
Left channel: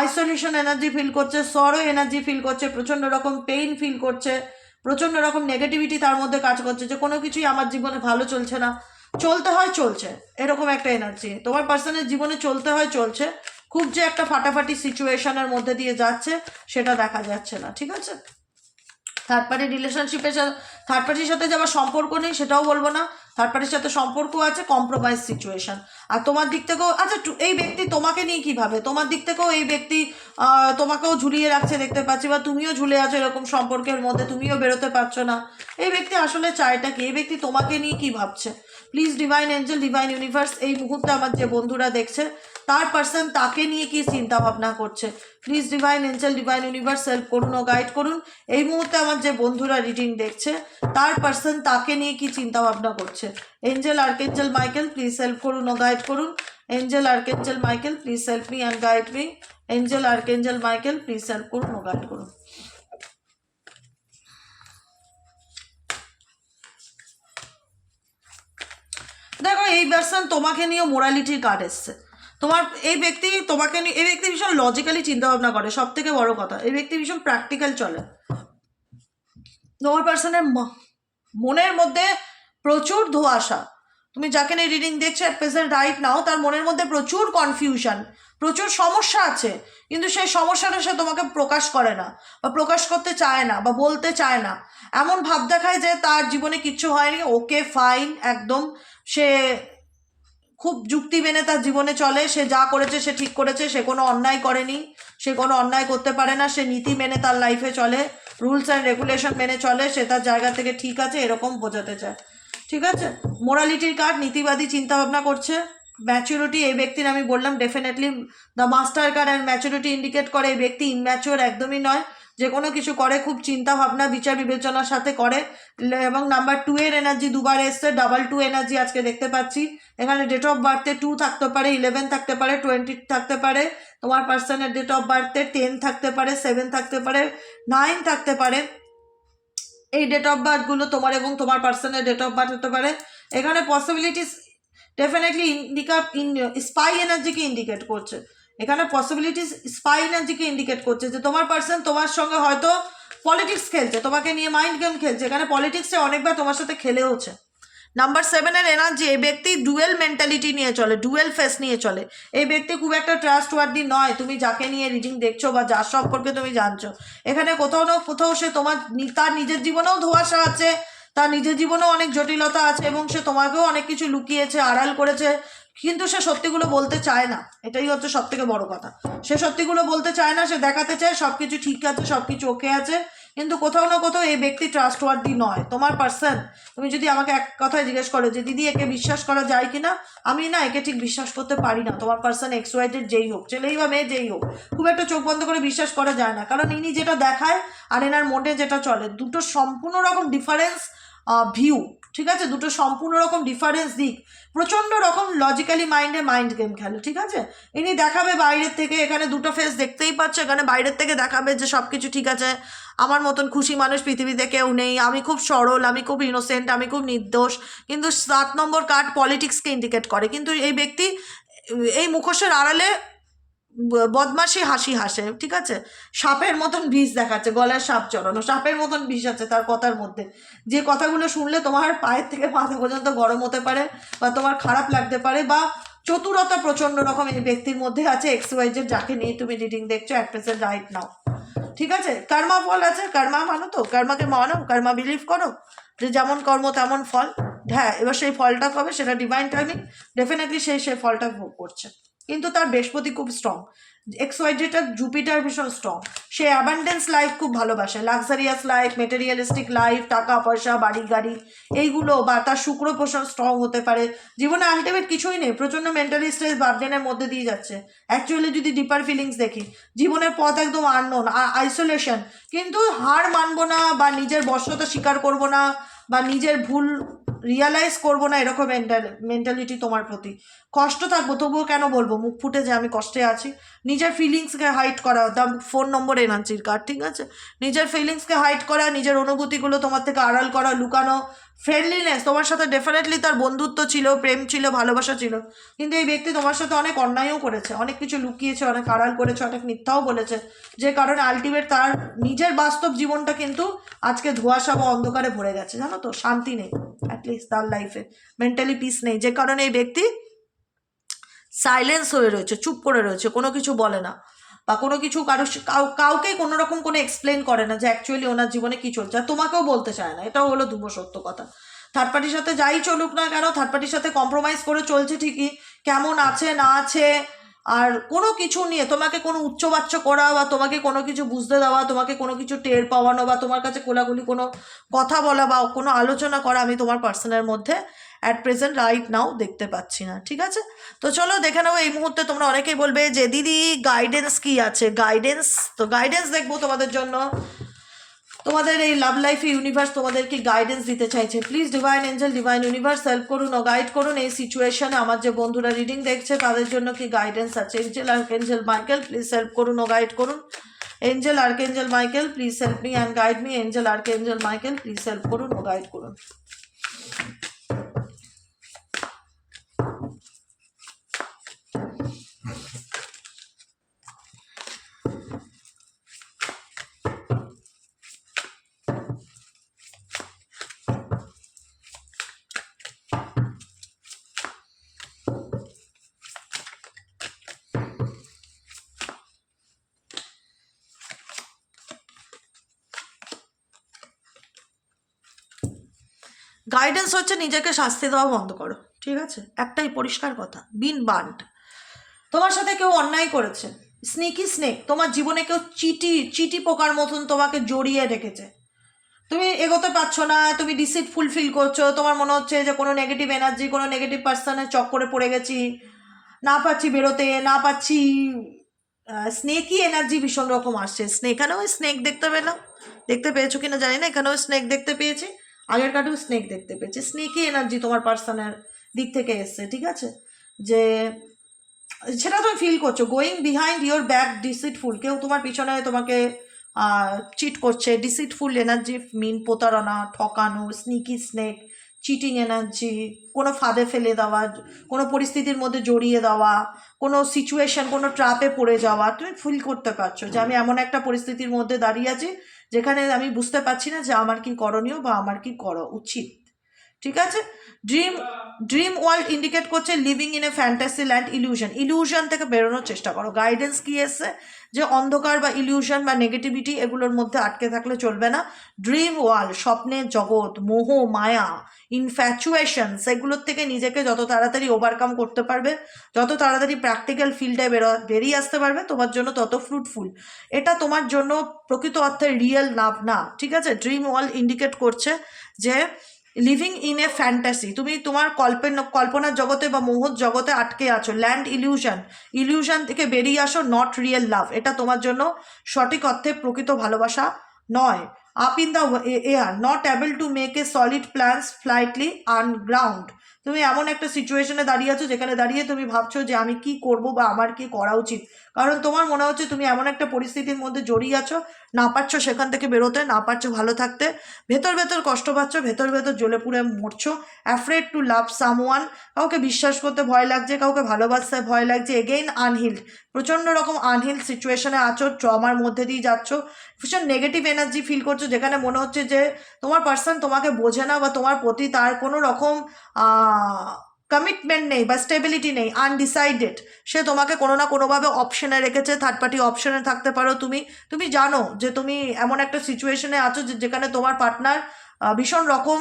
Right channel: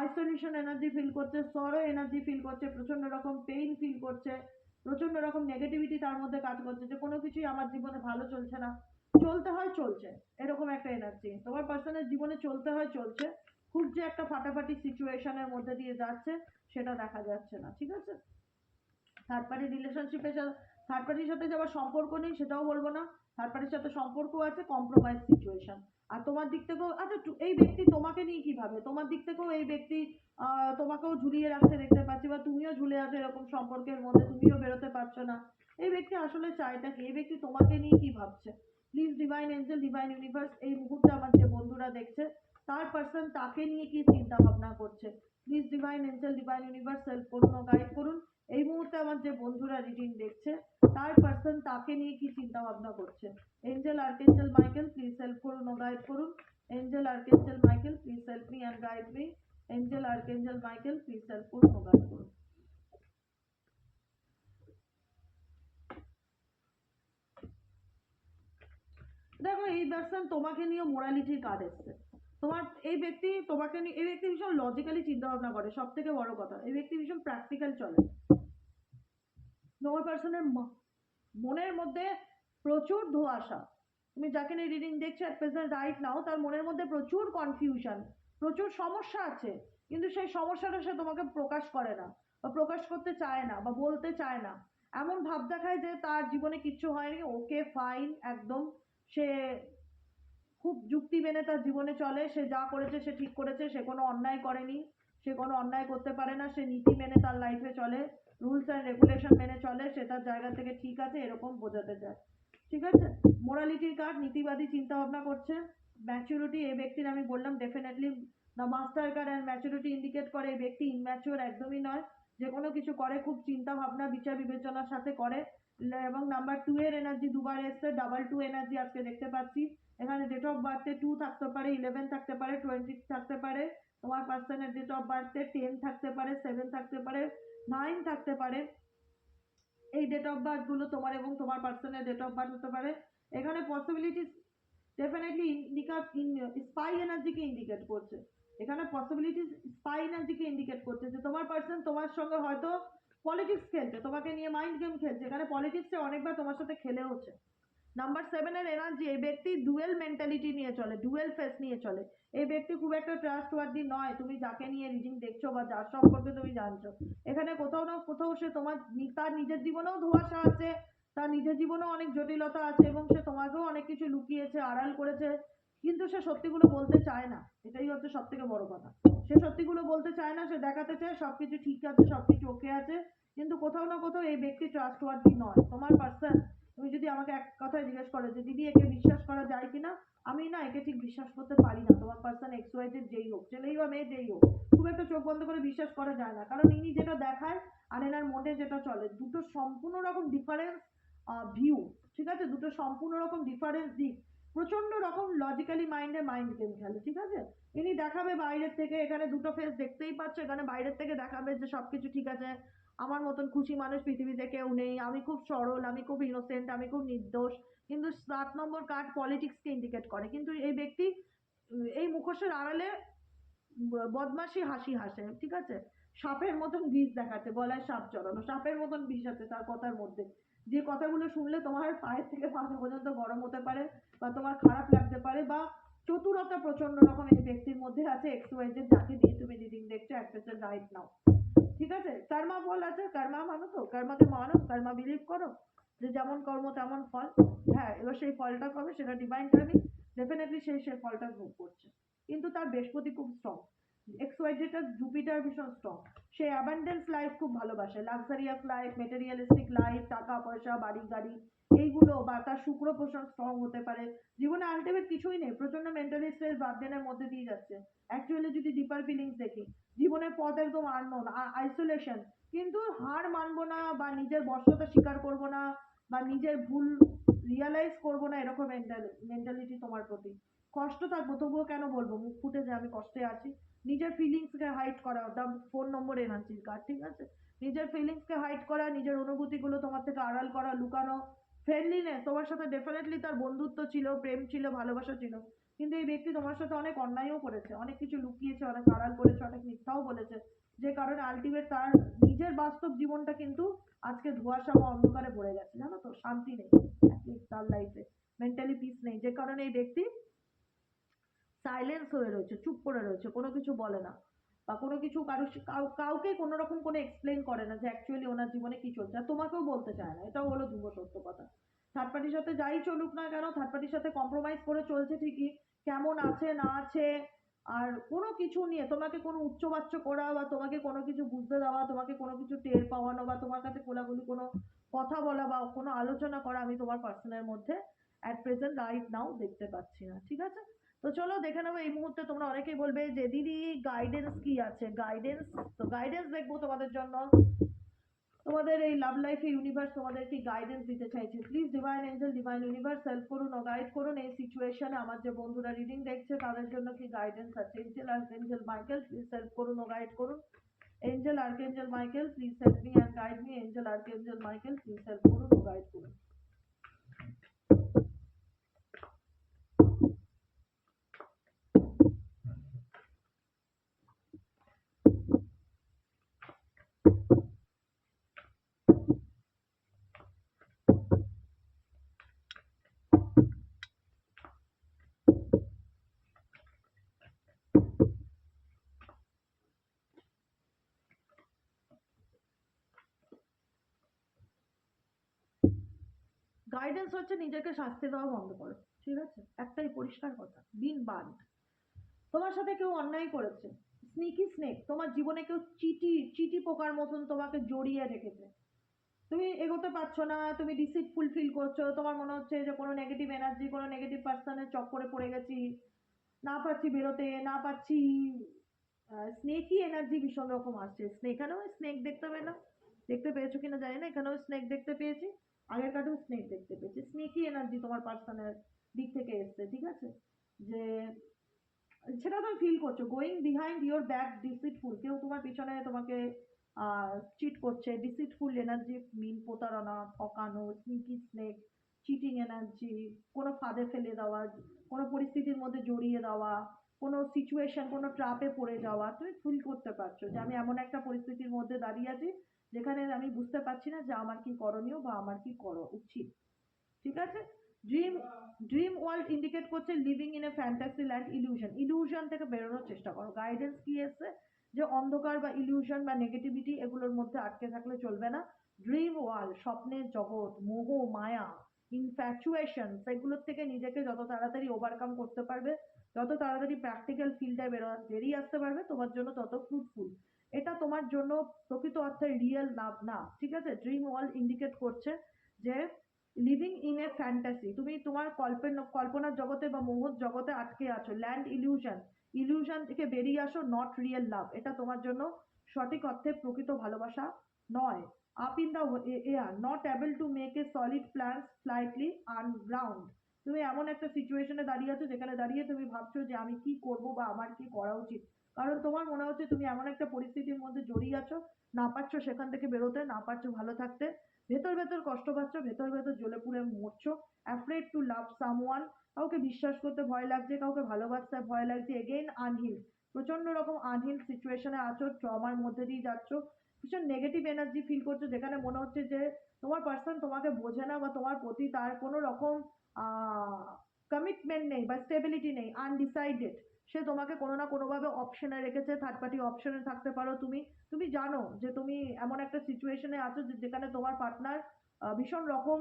আইসোলেশন এনার্জি ফিল করছে, সরো এনার্জি ফিল করছে, প্রচণ্ড রকম পেইন ফিল করছে, প্রচণ্ড রকম নেগেটিভিটি তার মধ্যে কাজ করছে, যে কোনো কিছুই আমার জীবনে ভালো চলছে না, চলতে হয় চলছে, এরকম একটা এনার্জি তোমার পার্সনের জীবনে চলতে হয় চলছে। খুব যে একটা ফাটাফাটি সিচুয়েশনের মধ্যে দিয়ে যাচ্ছে সেটা দেখা যাচ্ছে না, ঠিক আছে। থার্ড পার্টি রিলেশনশিপের সাথে, থার্ড পার্টির সাথে যে আবার সম্পর্ক নেই সেটাও বলবো না, থার্ড পার্টির সাথে সম্পর্ক আছে, কম্প্রোমাইজ সিচুয়েশন। আর তোমার দিক থেকেও আচ্ছা, এই ব্যক্তি তোমাকে নিয়ে কীভাবে, তোমার দিক থেকেও এই ব্যক্তি তোমাকেও ঝুলিয়ে রাখছে দেখতে পাচ্ছি, বা তুমিও ঝুলে আছো এরকম সম্পর্কের মধ্যে, তুমিও বেরোতে পারছো না। এই ব্যক্তি আসলে চায়টা কি, এই ব্যক্তি তোমাকে নিয়ে কী ভাবছে? Please divine Angel, divine universe, এই মুহূর্তে আমার যে বন্ধুরা দেখছে তার পার্সন তাকে নিয়ে কি চিন্তা ভাবনা করছে, please divine Angel, divine universe help করুন ও গাইড করুন। এই মুহূর্তে আমার যে বন্ধুরা রিডিং দেখছে তার পার্সন তাকে নিয়ে কি চিন্তা ভাবনা করছে। Angel archangel Michael please help করুন ও গাইড করুন। Angel archangel Michael please help me and guide me. Angel archangel Michael please help করুন ও গাইড করুন। দেখো এই পার্সন তোমাকে নিয়ে মোরালিটির কার্ড এসছে। তোমার এই ব্যক্তি তোমাকে নিয়ে, এই ব্যক্তি ভীষণ লজিক্যালি চিন্তাভাবনা করে, সব থেকে বড় কথা এই ব্যক্তি ভীষণ প্র্যাকটিক্যাল চলে। তোমার পার্সনের মনের মধ্যে প্রচুর ধোঁয়াশা। তুমি যাকে নিয়ে রিডিং দেখছো অ্যাট প্রেজেন্ট রাইট নাও, তার মনের মধ্যে প্রচুর কনফিউশন, প্রচুর সমস্যা আছে, কিন্তু সেই সমস্যাটা সে তোমাকে প্রকাশ করে না বা প্রকাশ করতে চায় না বা বলতে চায় না। এমন ভাব দেখায় যে তার জীবনে কিচ্ছু হয়নি, ওকে ফাইন একদম, সে খুব যুক্তি মেনে তার জীবনে চলে, সে যা করেছে সে ঠিক করেছে, সে কোনো অন্যায় করেনি, সে কোনো অন্যায় করতে পারে না, সে নীতি মেনে তার লাইফে চলে, রুলস অ্যান্ড রেগুলেশন মেনে চলে, সে তার জায়গা থেকে ঠিক আছে এরকম বোঝাতে চায়, ঠিক আছে। মোরালিটির কার্ড, নীতিবাদী চিন্তাভাবনা করছে। ম্যাচুরিটি, এই ব্যক্তির আমি বললাম definitely the master card and maturity indicate করে এই ব্যক্তি ইনম্যাচুর একদমই নয়, যে কোনো কিছু করে খুব চিন্তা ভাবনা বিচার বিবেচনার সাথে করে। এবং নাম্বার 2 এর এনার্জি দুবার এসছে, 22 এনার্জি আজকে দেখতে পাচ্ছি। এখানে ডেট অফ বার্থে 2 থাকতে পারে, 11 থাকতে পারে, 20 থাকতে পারে, তোমার পার্সনের ডেট অফ বার্থে 10 থাকতে পারে, 7 থাকতে পারে, 9 থাকতে পারে। এই ডেট অফ বার্থগুলো তোমার এবং তোমার পার্সনের ডেট অফ বার্থ হতে পারে। এখানে পসিবিলিটিস ডেফিনেটলি স্পাই এনার্জিকে ইন্ডিকেট করছে। এখানে পসিবিলিটিস স্পাই এনার্জিকে ইন্ডিকেট করছে যে তোমার পার্সন তোমার সঙ্গে হয়তো পলিটিক্স খেলছে, তোমাকে নিয়ে মাইন্ড গেম খেলছে। এখানে পলিটিক্সে অনেকবার তোমার সাথে খেলেওছে। নাম্বার 7 এর এনার্জি, এই ব্যক্তি ডুয়েল মেন্টালিটি নিয়ে চলে, ডুয়েল ফেস নিয়ে চলে। এই ব্যক্তি খুব একটা ট্রাস্টওয়ার্দি নয়, তুমি যাকে নিয়ে রিডিং দেখছো বা যার সম্পর্কে তুমি জানছো। এখানে কোথাও না কোথাও সে তার নিজের জীবনেও ধোঁয়াশা আছে, তার নিজের জীবনেও অনেক জটিলতা আছে, এবং সে তোমাকেও অনেক কিছু লুকিয়েছে, আড়াল করেছে, কিন্তু সে সত্যিগুলো বলতে চায় না। এটাই হচ্ছে সব থেকে বড় কথা, সে সত্যিগুলো বলতে চায় না, সে দেখাতে চায় সব কিছু ঠিক আছে, সব কিছু ওকে আছে, কিন্তু কোথাও না কোথাও এই ব্যক্তি ট্রাস্টওয়ার্দি নয়। তোমার পার্সন, তুমি যদি আমাকে এক কথায় জিজ্ঞেস করো যে দিদি একে বিশ্বাস করা যায় কি না, আমি না একে ঠিক বিশ্বাস করতে পারি না। তোমার পার্সন এক্সওয়াইজেড যেই হোক, ছেলেই বা মেয়ে যেই হোক, খুব একটা চোখ বন্ধ করে বিশ্বাস করা যায় না, কারণ ইনি যেটা দেখায় আর এনার মনে যেটা চলে দুটো সম্পূর্ণ রকম ডিফারেন্স ভিউ, ঠিক আছে, দুটো সম্পূর্ণ রকম ডিফারেন্স দিক, প্রচণ্ড রকম লজিক্যালি মাইন্ড গেম খেলে, ঠিক আছে। ইনি দেখাবে বাইরের থেকে, এখানে দুটো ফেস দেখতেই পাচ্ছ, এখানে বাইরের থেকে দেখাবে যে সব কিছু ঠিক আছে, আমার মতন খুশি মানুষ পৃথিবীতে কেউ নেই, আমি খুব সরল, আমি খুব ইনোসেন্ট, আমি খুব নির্দোষ। কিন্তু 7 নম্বর কার্ড পলিটিক্সকে ইন্ডিকেট করে। কিন্তু এই ব্যক্তি এই মুখোশের আড়ালে বদমাশি হাসি হাসে, ঠিক আছে, সাপের মতন বিষ দেখাচ্ছে, গলায় সাপ চড়ানো, সাপের মতন বিষ আছে তার কথার মধ্যে, যে কথাগুলো শুনলে তোমার পায়ের থেকে মাথা পর্যন্ত গরম হতে পারে, বা তোমার খারাপ লাগতে পারে, বা চতুরতা প্রচণ্ড রকম এই ব্যক্তির মধ্যে আছে। XYZ যাকে নিয়ে তুমি রিডিং দেখছো অ্যাট প্রেজেন্ট রাইট নাও, ঠিক আছে। কর্মা ফল আছে, কর্মা মানো তো, কর্মাকে মানো, কর্মা বিলিভ করো যে যেমন কর্ম তেমন ফল। হ্যাঁ, এবার সেই ফলটা কবে, সেটা ডিভাইন টাইমিং, ডেফিনেটলি সেই ফলটা ভোগ করছে। কিন্তু তার বৃহস্পতি খুব স্ট্রং, XYZটার জুপিটার ভীষণ স্ট্রং, সে অ্যাবান্ডেন্স লাইফ খুব ভালোবাসে, লাক্সারিয়াস লাইফ, মেটেরিয়ালিস্টিক লাইফ, টাকা পয়সা, বাড়ি গাড়ি এইগুলো, বা তার শুক্র পোষণ স্ট্রং হতে পারে। জীবনে আলটিমেট কিছুই নেই, প্রচণ্ড মেন্টালি স্ট্রেস বার্ডেনের মধ্যে দিয়ে যাচ্ছে। অ্যাকচুয়ালি যদি ডিপার ফিলিংস দেখি, জীবনের পথ একদম আননোন, আইসোলেশন, কিন্তু হার মানবো না, বা নিজের বশ্যতা স্বীকার করবো না, বা নিজের ভুল রিয়ালাইজ করবো না, এরকম মেন্টালিটি তোমার প্রতি। কষ্ট থাকবো তবুও কেন বলবো মুখ ফুটে যে আমি কষ্টে আছি। নিজের ফিলিংসকে হাইড করা, দ্য 4 নম্বর এনার্জির কার্ড, ঠিক আছে। নিজের ফিলিংসকে হাইড করা, নিজের অনুভূতিগুলো তোমার থেকে আড়াল করা, লুকানো। ফ্রেন্ডলিনেস, তোমার সাথে ডেফিনেটলি তার বন্ধুত্ব ছিল, প্রেম ছিল, ভালোবাসা ছিল, কিন্তু এই ব্যক্তি তোমার সাথে অনেক অন্যায়ও করেছে, অনেক কিছু লুকিয়েছে, অনেক আড়াল করেছে, অনেক মিথ্যাও বলেছে, যে কারণে আলটিমেট তার নিজের বাস্তব জীবনটা কিন্তু আজকে ধোঁয়াশা বা অন্ধকারে ভরে গেছে, জানো তো, শান্তি নেই অ্যাটলিস্ট তার লাইফে, মেন্টালি পিস নেই, যে কারণে এই ব্যক্তি সাইলেন্স হয়ে রয়েছে, চুপ করে রয়েছে, কোনো কিছু বলে না, বা কোনো কিছু কাউকে কোনো রকম কোনো এক্সপ্লেন করে না যে অ্যাকচুয়ালি ওনার জীবনে কী চলছে, আর তোমাকেও বলতে চায় না। এটাও হলো ধ্রুব সত্য কথা। থার্ড পার্টির সাথে যাই চলুক না কেন, থার্ড পার্টির সাথে কম্প্রোমাইজ করে চলছে ঠিকই, কেমন আছে না আছে, আর কোনো কিছু নিয়ে তোমাকে কোনো উচ্চবাচ্য করা, বা তোমাকে কোনো কিছু বুঝতে দেওয়া, তোমাকে কোনো কিছু টের পাওয়ানো, বা তোমার কাছে কোলাগুলি কোনো কথা বলা, বা কোনো আলোচনা করা আমি তোমার পার্সনের মধ্যে অ্যাট প্রেজেন্ট রাইট নাও দেখতে পাচ্ছি না, ঠিক আছে। তো চলো দেখে নেবো। এই মুহূর্তে তোমরা অনেকেই বলবে যে দিদি গাইডেন্স কি আছে, গাইডেন্স, তো গাইডেন্স দেখবো তোমাদের জন্য, তোমাদের এই লাভ লাইফে ইউনিভার্স তোমাদের কি গাইডেন্স দিতে চাইছে। Please divine Angel, divine universe help করুন ও গাইড করুন এই সিচুয়েশনে। আমার যে বন্ধুরা রিডিং দেখছে তাদের জন্য কি গাইডেন্স আছে। Angel archangel Michael please help করুন ও গাইড করুন। Angel archangel Michael please help me and guide me. Angel archangel Michael please help করুন ও গাইড করুন। গাইডেন্স হচ্ছে নিজেকে শাস্তি দেওয়া বন্ধ করো, ঠিক আছে, একটাই পরিষ্কার কথা, বিন বান্ড। তোমার সাথে কেউ অন্যায় করেছে, স্নেকি স্নেক, তোমার জীবনে কেউ চিটি পোকার মতন তোমাকে জড়িয়ে রেখেছে, তুমি এগোতে পারছো না, তুমি ডিসিটফুল ফিল করছো, তোমার মনে হচ্ছে যে কোনো নেগেটিভ এনার্জি, কোনো নেগেটিভ পার্সনের চক্করে পড়ে গেছি, না পাচ্ছি বেরোতে, না পাচ্ছি, স্নেকি এনার্জি ভীষণ রকম আসছে। এখানেও স্নেক দেখতে পেলাম, দেখতে পেয়েছো কিনা জানি না, এখানেও স্নেক দেখতে পেয়েছি, আগের কাটেও স্নেক দেখতে পেয়েছি। স্নেকি এনার্জি তোমার পার্সনের দিক থেকে এসছে, ঠিক আছে, যে সেটা তুমি ফিল করছো। গোয়িং বিহাইন্ড ইয়োর ব্যাক ডিসিটফুল, কেউ তোমার পিছনে তোমাকে চিট করছে। ডিসিটফুল এনার্জি মিন প্রতারণা, ঠকানো, স্নিকি স্নেক, চিটিং এনার্জি, কোনো ফাঁদে ফেলে দেওয়া, কোনো পরিস্থিতির মধ্যে জড়িয়ে দেওয়া, কোনো সিচুয়েশন, কোনো ট্রাপে পড়ে যাওয়া। তুমি ফিল করতে পারছো যে আমি এমন একটা পরিস্থিতির মধ্যে দাঁড়িয়ে আছি যেখানে আমি বুঝতে পারছি না যে আমার কি করণীয় বা আমার কি করা উচিত, ঠিক আছে। ড্রিম ওয়ার্ল্ড ইন্ডিকেট করছে living in a fantasy land, illusion থেকে বেরোনোর চেষ্টা করো। গাইডেন্স কি এসছে যে অন্ধকার বা ইলিউশন বা নেগেটিভিটি এগুলোর মধ্যে আটকে থাকলে চলবে না। ড্রিম ওয়ার্ল্ড, স্বপ্নের জগৎ, মোহ মায়া, ইনফ্যাচুয়েশন, সেগুলোর থেকে নিজেকে যত তাড়াতাড়ি ওভারকাম করতে পারবে, যত তাড়াতাড়ি প্র্যাকটিক্যাল ফিল্ডে বেরিয়ে আসতে পারবে, তোমার জন্য তত ফ্রুটফুল। এটা তোমার জন্য প্রকৃত অর্থে রিয়েল লাভ না, ঠিক আছে। ড্রিম ওয়ার্ল্ড ইন্ডিকেট করছে যে লিভিং ইন এ ফ্যান্টাসি, তুমি তোমার কল্পনার জগতে বা মোহর জগতে আটকে আছো। ল্যান্ড ইলিউশন থেকে বেরিয়ে আসো, নট রিয়েল লাভ, এটা তোমার জন্য সঠিক অর্থে প্রকৃত ভালোবাসা নয়। Up in the air, not able to make a solid plans flightily on ground. তুমি এমন একটা সিচুয়েশনে দাঁড়িয়ে আছো যেখানে দাঁড়িয়ে তুমি ভাবছো যে আমি কি করব বা আমার কি করা উচিত, কারণ তোমার মনে হচ্ছে তুমি এমন একটা পরিস্থিতির মধ্যে জড়িয়ে আছো, না পারছো সেখান থেকে বেরোতে, না পারছো ভালো থাকতে, ভেতর ভেতর কষ্ট পাচ্ছ, ভেতর ভেতর জ্বলে পুড়ে মরছো। অ্যাফ্রেড টু লাভ সামওয়ান, কাউকে বিশ্বাস করতে ভয় লাগছে, কাউকে ভালোবাসতে ভয় লাগছে। এগেইন আনহিল্ড, প্রচণ্ড রকম আনহিল্ড সিচুয়েশনে আছো, ট্রমার মধ্যে দিয়ে যাচ্ছ, ভীষণ নেগেটিভ এনার্জি ফিল করছো, যেখানে মনে হচ্ছে যে তোমার পার্সন তোমাকে বোঝে না বা তোমার প্রতি তার কোনো রকম কমিটমেন্ট নেই বা স্টেবিলিটি নেই, আনডিসাইডেড। সে তোমাকে কোনো না কোনোভাবে অপশনে রেখেছে, থার্ড পার্টি অপশনে থাকতে পারো তুমি। তুমি জানো যে তুমি এমন একটা সিচুয়েশনে আছো যেখানে তোমার পার্টনার ভীষণ রকম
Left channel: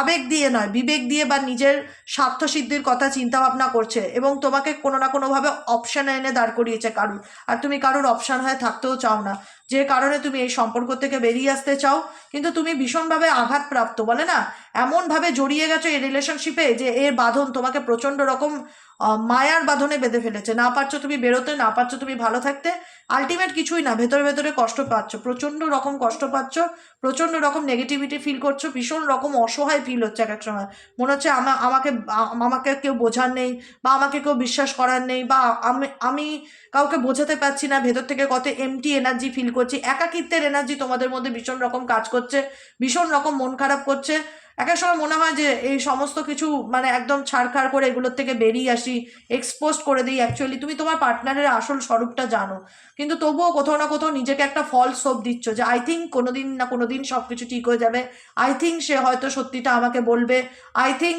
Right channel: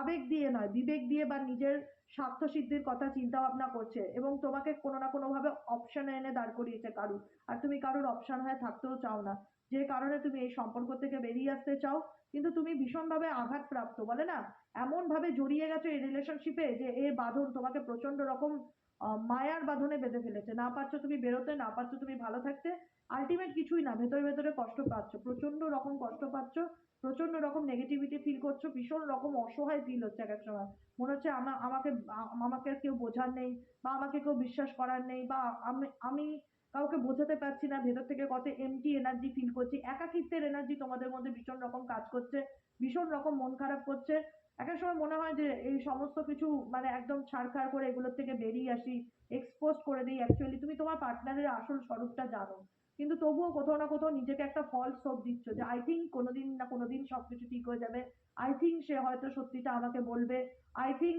আবেগ দিয়ে নয়, বিবেক দিয়ে বা নিজের স্বার্থসিদ্ধির কথা চিন্তা ভাবনা করছে এবং তোমাকে কোনো না কোনোভাবে অপশানে এনে দাঁড় করিয়েছে কারুর, আর তুমি কারুর অপশান হয়ে থাকতেও চাও না, যে কারণে তুমি এই সম্পর্ক থেকে বেরিয়ে আসতে চাও। কিন্তু তুমি ভীষণভাবে আঘাতপ্রাপ্ত, বলে না, এমনভাবে জড়িয়ে গেছো এই রিলেশনশিপে যে এর বাঁধন তোমাকে প্রচণ্ড রকম মায়ার বাঁধনে বেঁধে ফেলেছে। না পারছো তুমি বেরোতে, না পারছো তুমি ভালো থাকতে, আলটিমেট কিছুই না, ভেতরে ভেতরে কষ্ট পাচ্ছ, প্রচণ্ড রকম কষ্ট পাচ্ছ, প্রচণ্ড রকম নেগেটিভিটি ফিল করছো, ভীষণ রকম অসহায় ফিল হচ্ছে এক এক সময়। মনে হচ্ছে আমাকে কেউ বোঝার নেই, বা আমাকে কেউ বিশ্বাস করার নেই, বা আমি কাউকে বোঝাতে পারছি না, ভেতর থেকে কত এমটি এনার্জি ফিল করছি, একাকিত্বের এনার্জি তোমাদের মধ্যে ভীষণ রকম কাজ করছে, ভীষণ রকম মন খারাপ করছে। এক এক সময় মনে হয় যে এই সমস্ত কিছু মানে একদম ছাড়খাড় করে এগুলোর থেকে বেরিয়ে আসি, এক্সপোজ করে দিই। অ্যাকচুয়ালি তুমি তোমার পার্টনারের আসল স্বরূপটা জানো, কিন্তু তবুও কোথাও না কোথাও নিজেকে একটা ফলস হোপ দিচ্ছ যে আই থিঙ্ক কোনোদিন না কোনোদিন সব কিছু ঠিক হয়ে যাবে, আই থিঙ্ক সে হয়তো সত্যিটা আমাকে বলবে, আই থিঙ্ক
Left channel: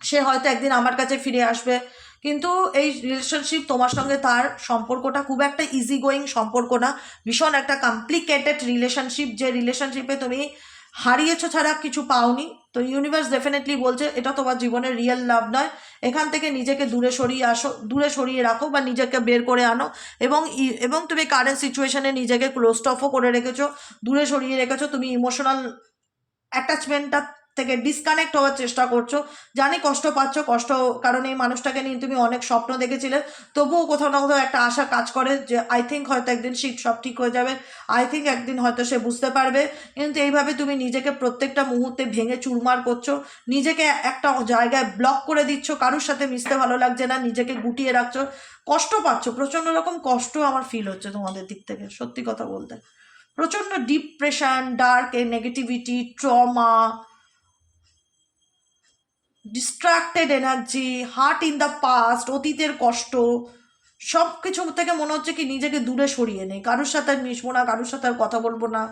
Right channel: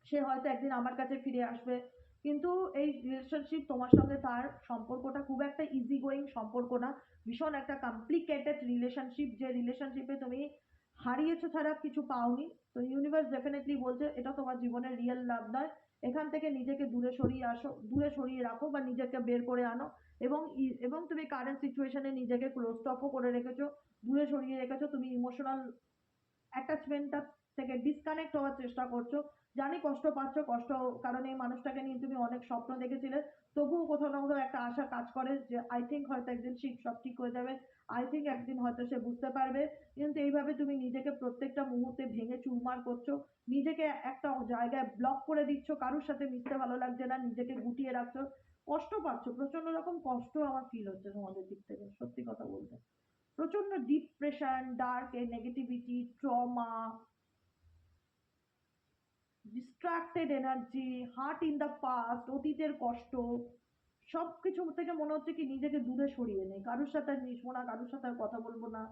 সে হয়তো একদিন আমার কাছে ফিরে আসবে। কিন্তু এই রিলেশনশিপ তোমার সঙ্গে তার সম্পর্কটা খুব একটা ইজি গোয়িং সম্পর্ক না, ভীষণ একটা কমপ্লিকেটেড রিলেশনশিপ, যে রিলেশনশিপে তুমি হারিয়েছো ছাড়া কিছু পাওনি। তো ইউনিভার্স ডেফিনেটলি বলছে এটা তোমার জীবনের রিয়েল লাভ নয়, এখান থেকে নিজেকে দূরে সরিয়ে আসো, দূরে সরিয়ে রাখো বা নিজেকে বের করে আনো। এবং তুমি কারেন্ট সিচুয়েশনে নিজেকে ক্লোজড অফও করে রেখেছো, দূরে সরিয়ে রেখেছো, তুমি ইমোশনাল অ্যাটাচমেন্টটা থেকে ডিসকানেক্ট হওয়ার চেষ্টা করছো। জানি কষ্ট পাচ্ছ, কষ্ট কারণ এই মানুষটাকে নিয়ে তুমি অনেক স্বপ্ন দেখেছিলে, তবুও কোথাও না কোথাও একটা আশা কাজ করে যে আই থিঙ্ক হয়তো একদিন সব ঠিক হয়ে যাবে, আই থিঙ্ক একদিন হয়তো সে বুঝতে পারবে। কিন্তু এইভাবে তুমি নিজেকে প্রত্যেকটা মুহূর্তে ভেঙে চুরমার করছো, নিজেকে একটা জায়গায় ব্লক করে দিচ্ছ, কারোর সাথে মিশতে ভালো লাগছে না, নিজেকে গুটিয়ে রাখছো, কষ্ট পাচ্ছ, প্রচণ্ড রকম কষ্ট আমার ফিল হচ্ছে তোমাদের দিক থেকে, সত্যি কথা বলতে। প্রচণ্ড depression, dark negativity, trauma, distracted energy, heart in the past, অতীতের কষ্ট, সব কিছু থেকে মনে হচ্ছে কি নিজেকে দূরে সরিয়ে নেই, কারোর সাথে আর মিশবো না, কারোর সাথে আর কথা বলবো না,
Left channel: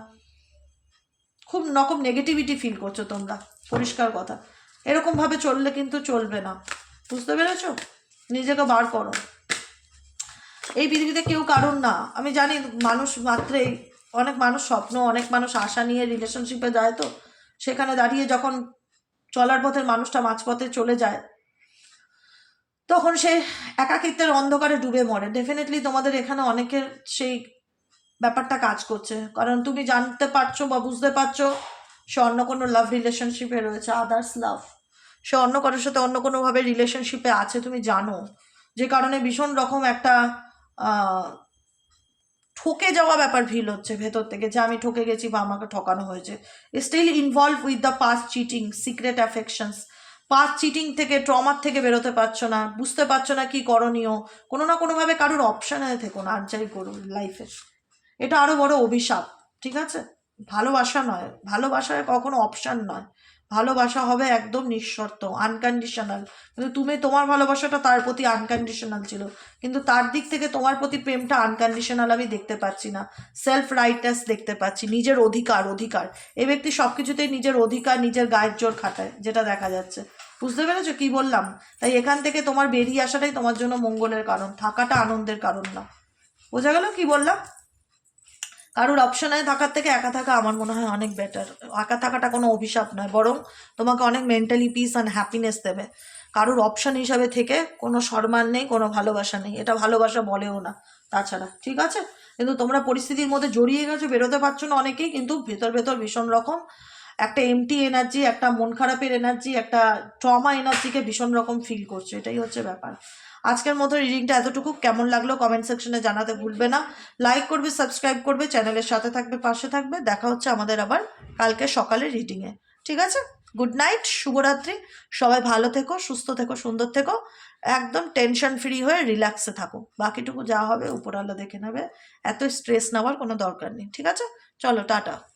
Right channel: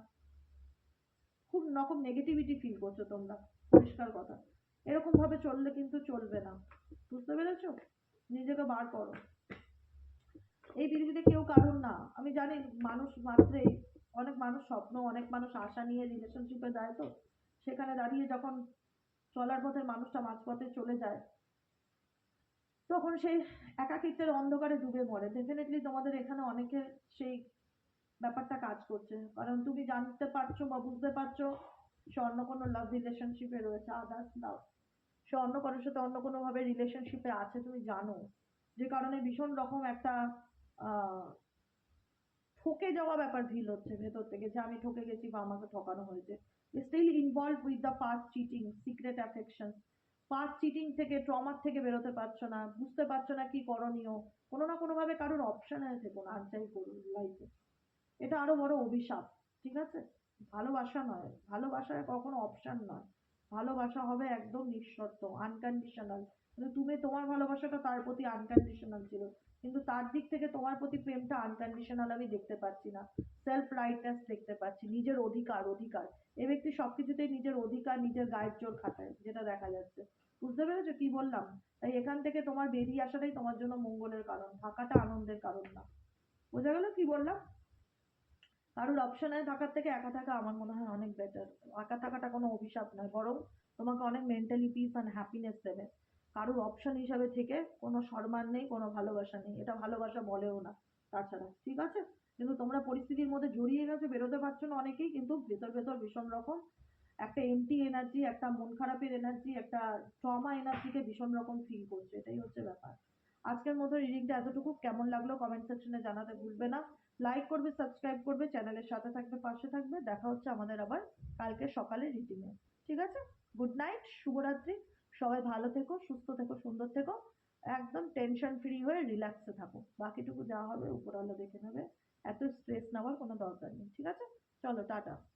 খুব রকম নেগেটিভিটি ফিল করছো তোমরা, পরিষ্কার কথা। এরকমভাবে চললে কিন্তু চলবে না, বুঝতে পেরেছো? নিজেকে বার করো। এই পৃথিবীতে কেউ কারণ না, আমি জানি মানুষ মাত্রেই অনেক মানুষ স্বপ্ন, অনেক মানুষ আশা নিয়ে রিলেশনশিপে যায়, তো সেখানে দাঁড়িয়ে যখন চলার পথের মানুষটা মাঝপথে চলে যায় তখন সে একাকিত্বের অন্ধকারে ডুবে মরে। ডেফিনেটলি তোমাদের এখানে অনেকের সেই ব্যাপারটা কাজ করছে, কারণ তুমি জানতে পারছো বা বুঝতে পারছো সে অন্য কোনো লাভ রিলেশনশিপে রয়েছে, আদার্স লাভ, সে অন্য কারোর সাথে অন্য কোনোভাবে রিলেশনশিপে আছে, তুমি জানো, যে কারণে ভীষণ রকম একটা ঠকে যাওয়া ব্যাপার ফিল হচ্ছে ভেতর থেকে, যে আমি ঠকে গেছি বা আমাকে ঠকানো হয়েছে। Still involve with the past cheating, secret affections, past cheating থেকে, ট্রমার থেকে বেরোতে পারছো না, বুঝতে পারছো না কি করণীয়, কোনো না কোনোভাবে কারোর অপশানে থেকো না, আর যাই করুন লাইফে, এটা আরও বড় অভিশাপ, ঠিক আছে? ভালোবাসা নয়, ভালোবাসায় কখনো অপশান নয়, ভালোবাসা হবে একদম নিঃশর্ত, আনকন্ডিশনাল। কিন্তু তুমি তোমার ভালোবাসাটা তার প্রতি আনকন্ডিশনাল ছিল, কিন্তু তার দিক থেকে তোমার প্রতি প্রেমটা আনকন্ডিশনাল আমি দেখতে পাচ্ছি না, সেলফ রাইটনেস দেখতে পাচ্ছি, নিজের অধিকার। এই ব্যক্তি সব কিছুতেই নিজের অধিকার, নিজের গায়ের জোর খাটায়, যেটা দেখা যাচ্ছে। বুঝতে পেরেছো কি বললাম? তাই এখান থেকে তোমার বেরিয়ে আসাটাই তোমার জন্য মঙ্গলের কারণ, থাকাটা আনন্দের কারণ না। বোঝা গেল কি বললাম? কারোর অপশনে থাকার থেকে একা থাকা আমার মনে হয় অনেক বেটার। একা থাকাটা কোনো অভিশাপ নয়, বরং তোমাকে অনেক মেন্টালি পিস অ্যান্ড হ্যাপিনেস দেবে। কারোর অপশন হিসাবে থেকে কোনো সম্মান নেই, কোনো ভালোবাসা নেই, এটা ভালোবাসা বলেও না তাছাড়া, ঠিক আছে? কিন্তু তোমরা পরিস্থিতির মধ্যে জড়িয়ে গেছো, বেরোতে পারছো না অনেকেই, কিন্তু ভেতর ভেতর ভীষণ রকম একটা এমটি এনার্জি, একটা মন খারাপের এনার্জি, একটা ট্রমা এনার্জিকে ভীষণ রকম ফিল করছো, এটাই হচ্ছে ব্যাপার। আজকের মতো রিডিংটা এতটুকু। কেমন লাগলো কমেন্ট সেকশনে জানাতে ভুলবে না। লাইক করবে, সাবস্ক্রাইব করবে, চ্যানেলের সাথে থাকবে, পাশে থাকবে। দেখা হচ্ছে আমাদের আবার কালকে সকালে রিডিংয়ে। ঠিক আছে, গুড নাইট, শুভরাত্রি। সবাই ভালো থেকো, সুস্থ থেকো, সুন্দর থেকো, একদম টেনশন ফ্রি হয়ে রিল্যাক্সে থাকো। বাকিটুকু যা হবে উপরওয়ালা দেখে নেবে, এত স্ট্রেস নেওয়ার কোনো দরকার নেই। ঠিক আছে, চলো টাটা।